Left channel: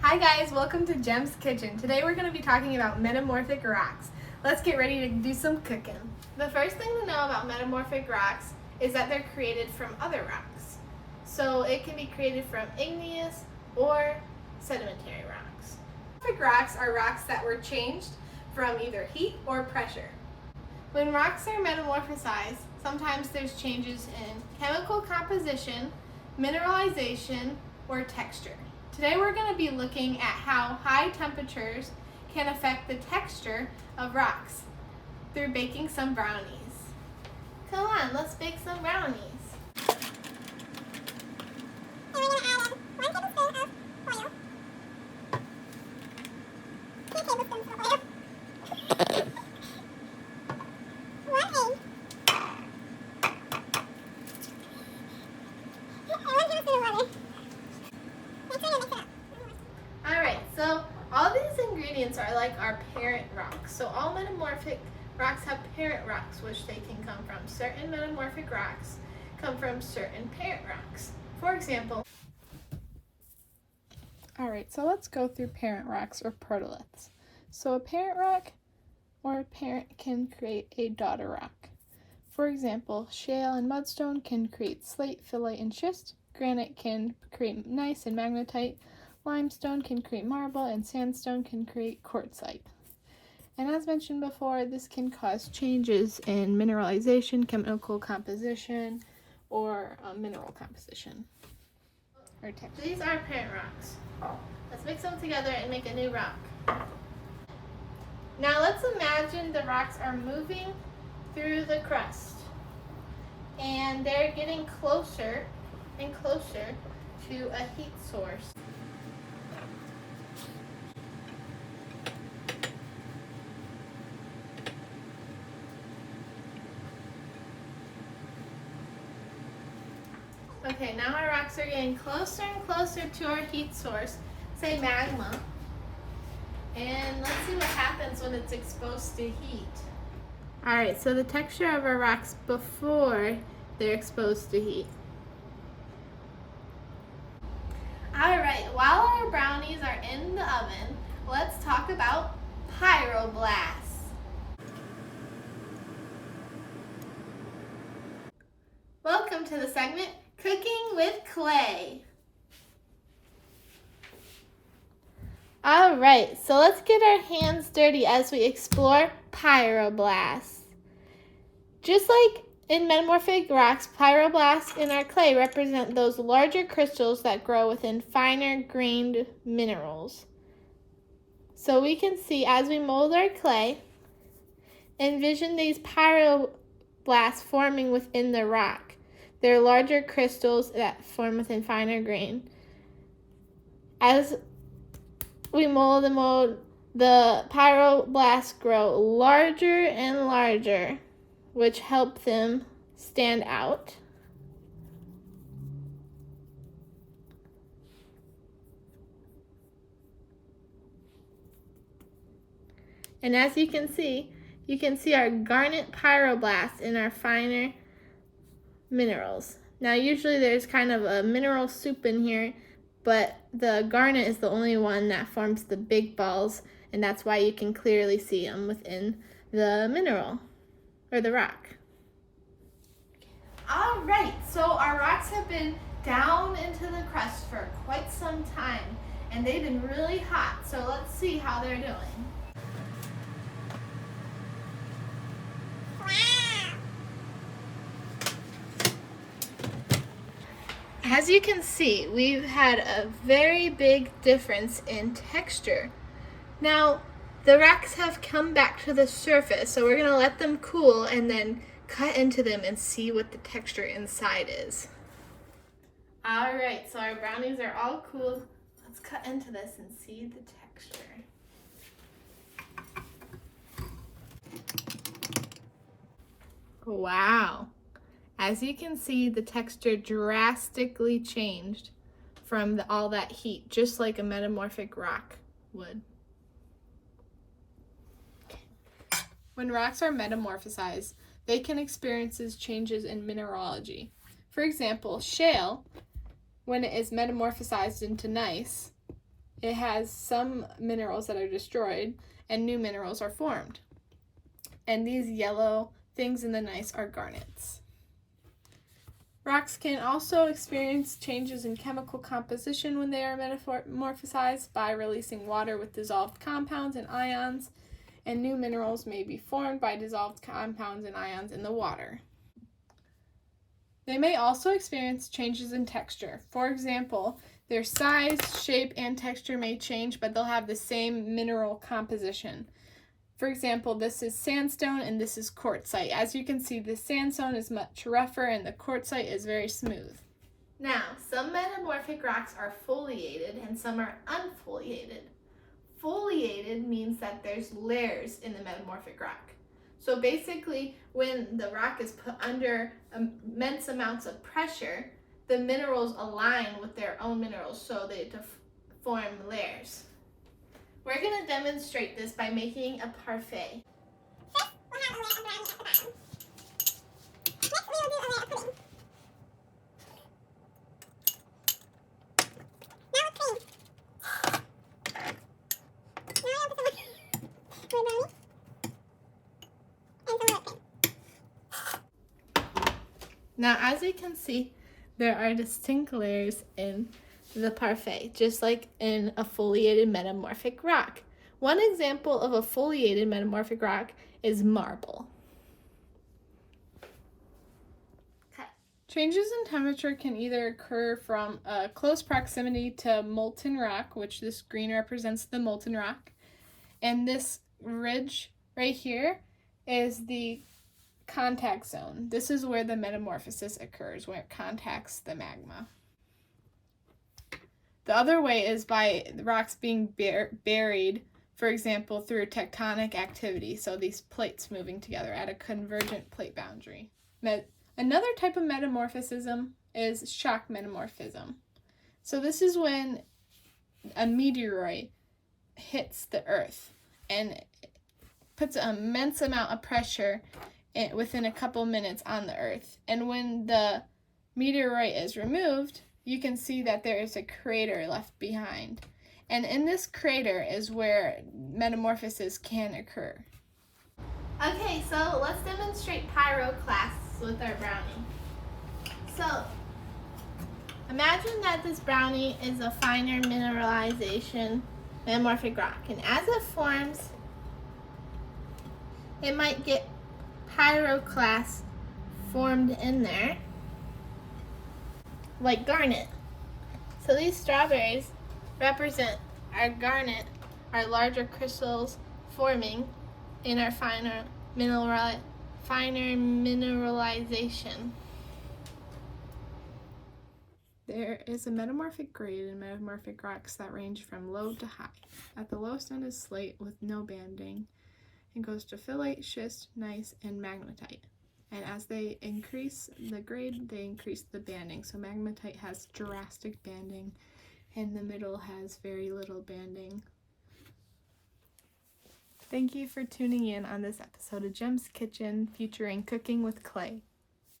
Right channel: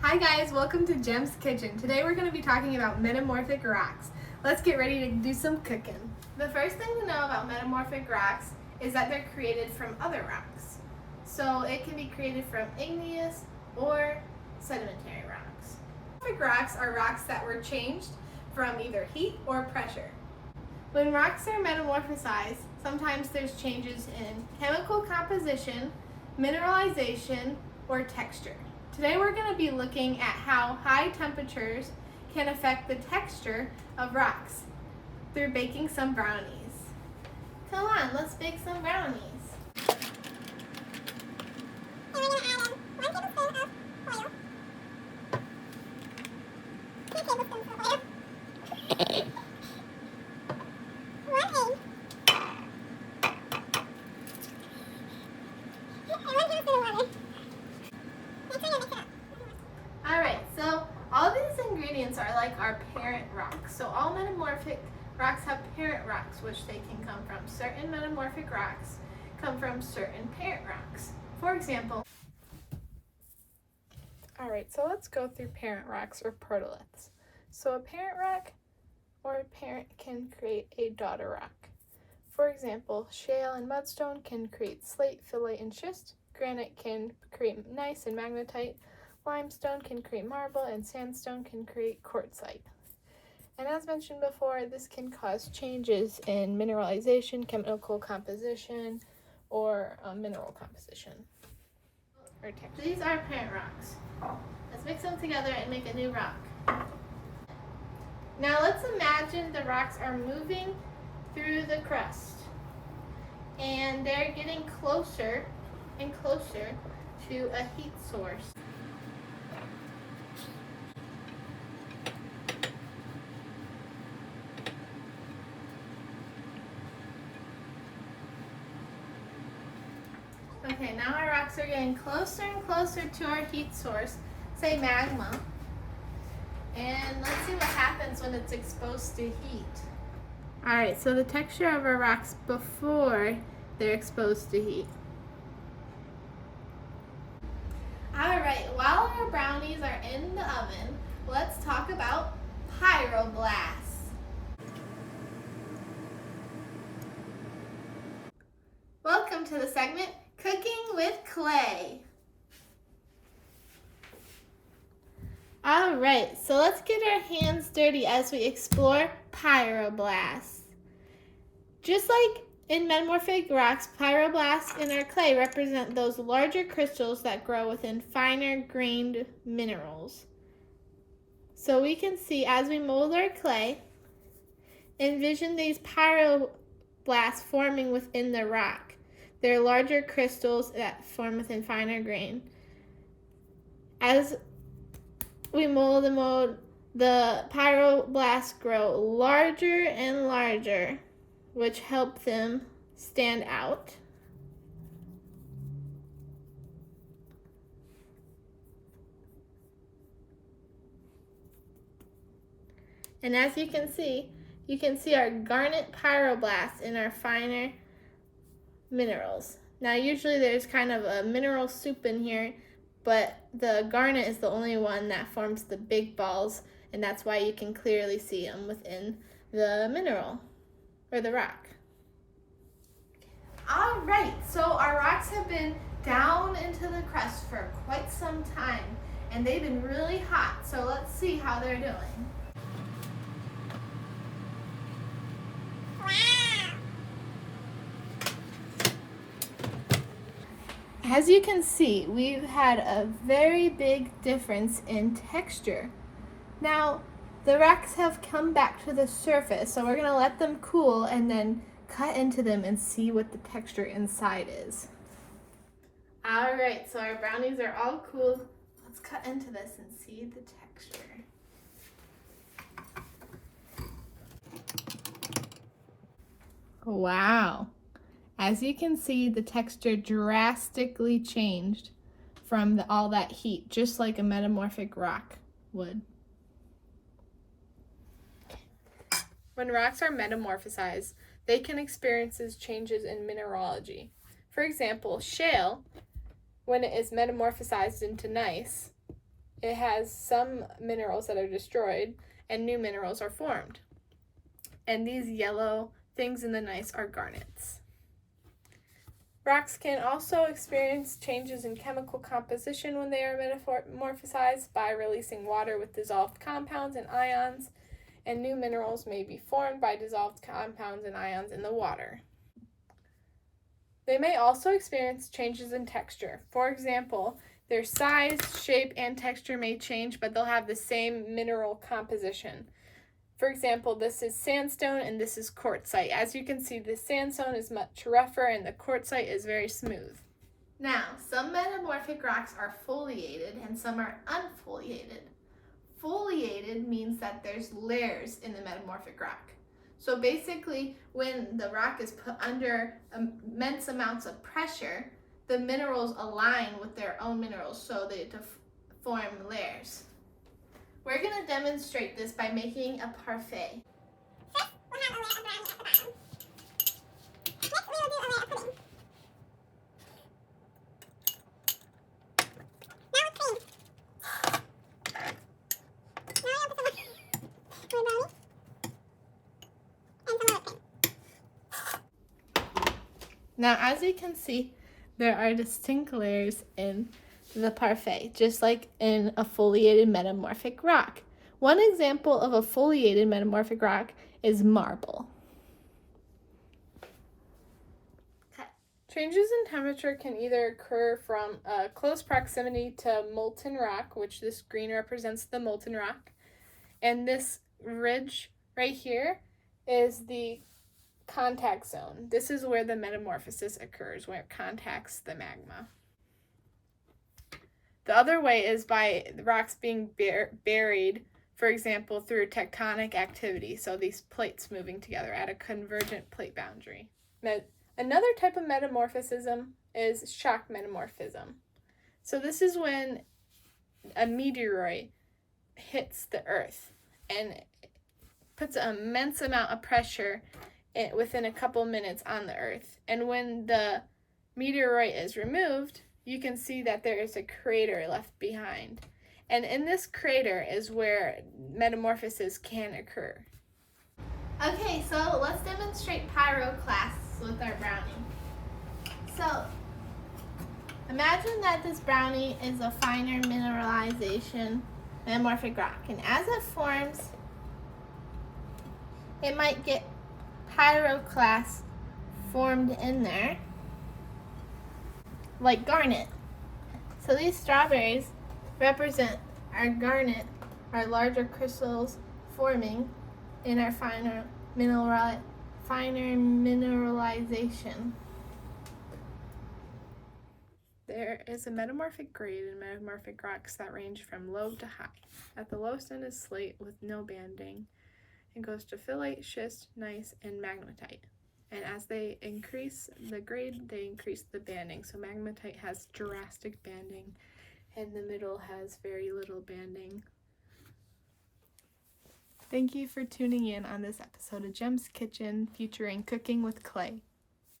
Hi guys, welcome to Jem's Kitchen. Today we're going to be talking about metamorphic rocks. Let's get ready to do some cooking. The first thing to know about metamorphic rocks is that they're created from other rocks. So it can be created from igneous or sedimentary rocks. Metamorphic rocks are rocks that were changed from either heat or pressure. When rocks are metamorphosized, sometimes there's changes in chemical composition, mineralization, or texture. Today we're going to be looking at how high temperatures can affect the texture of rocks through baking some brownies. Come on, let's bake some brownies. And we're going to add 1 tablespoon of oil, 2 tablespoons of oil, 1 egg, and 1 tablespoon of water. Make sure you mix it up. Alright, so all these ingredients are like our parent rocks. So all metamorphic rocks have parent rocks, which they can come from. Certain metamorphic rocks come from certain parent rocks. For example, Alright, so let's go through parent rocks or protoliths. So a parent rock or a parent can create a daughter rock. For example, shale and mudstone can create slate, phyllite, and schist. Granite can create gneiss and magnetite. Limestone can create marble, and sandstone can create quartzite. And as mentioned before, this can cause changes in mineralization, chemical composition, or mineral composition. Or texture. these are parent rocks. Let's mix them together and make a new rock. Now let's imagine the rocks are moving through the crust and they're getting closer and closer to a heat source. Okay, now our rocks are getting closer and closer to our heat source, say magma. And let's see what happens when it's exposed to heat. Alright, so the texture of our rocks before they're exposed to heat. Alright, while our brownies are in the oven, let's talk about pyroblasts. Welcome to the segment Cooking with Clay. Alright, so let's get our hands dirty as we explore pyroblasts. Just like in metamorphic rocks, pyroblasts in our clay represent those larger crystals that grow within finer grained minerals. So we can see as we mold our clay, envision these pyroblasts forming within the rock. They're larger crystals that form within finer grain. As we mold the pyroblasts grow larger and larger, which help them stand out. And as you can see our garnet pyroblasts in our finer minerals. Now usually there's kind of a mineral soup in here, but the garnet is the only one that forms the big balls, and that's why you can clearly see them within the mineral or the rock. All right, so our rocks have been down into the crust for quite some time, and they've been really hot, so let's see how they're doing. As you can see, we've had a very big difference in texture. Now, the rocks have come back to the surface, so we're going to let them cool and then cut into them and see what the texture inside is. Alright, so our brownies are all cooled. Let's cut into this and see the texture. Wow. As you can see, the texture drastically changed from all that heat, just like a metamorphic rock would. When rocks are metamorphosized, they can experience changes in mineralogy. For example, shale, when it is metamorphosized into gneiss, it has some minerals that are destroyed and new minerals are formed. And these yellow things in the gneiss are garnets. Rocks can also experience changes in chemical composition when they are metamorphosized by releasing water with dissolved compounds and ions, and new minerals may be formed by dissolved compounds and ions in the water. They may also experience changes in texture. For example, their size, shape, and texture may change, but they'll have the same mineral composition. For example, this is sandstone and this is quartzite. As you can see, the sandstone is much rougher and the quartzite is very smooth. Now, some metamorphic rocks are foliated and some are unfoliated. Foliated means that there's layers in the metamorphic rock. So basically, when the rock is put under immense amounts of pressure, the minerals align with their own minerals so they form layers. We're going to demonstrate this by making a parfait. First, we'll have a layer of brownie at the bottom. Next, we will do a layer of pudding. Now with cream. Now we'll put some more brownie. And some more cream. Now, as you can see, there are distinct layers in the parfait, just like in a foliated metamorphic rock. One example of a foliated metamorphic rock is marble. Changes in temperature can either occur from close proximity to molten rock, which this green represents the molten rock, and this ridge right here is the contact zone. This is where the metamorphosis occurs, where it contacts the magma. The other way is by the rocks being buried, for example, through tectonic activity, so these plates moving together at a convergent plate boundary. Another type of metamorphism is shock metamorphism. So this is when a meteoroid hits the Earth and puts an immense amount of pressure within a couple minutes on the Earth. And when the meteoroid is removed, you can see that there is a crater left behind. And in this crater is where metamorphosis can occur. Okay, so let's demonstrate pyroclasts with our brownie. So, imagine that this brownie is a finer mineralization metamorphic rock. And as it forms, it might get pyroclasts formed in there, like garnet. So these strawberries represent our garnet, our larger crystals forming in our finer mineralization. There is a metamorphic grade in metamorphic rocks that range from low to high. At the lowest end is slate with no banding. It goes to phyllite, schist, gneiss, and magmatite. And as they increase the grade, they increase the banding. So magmatite has drastic banding, and the middle has very little banding. Thank you for tuning in on this episode of Jem's Kitchen featuring cooking with clay.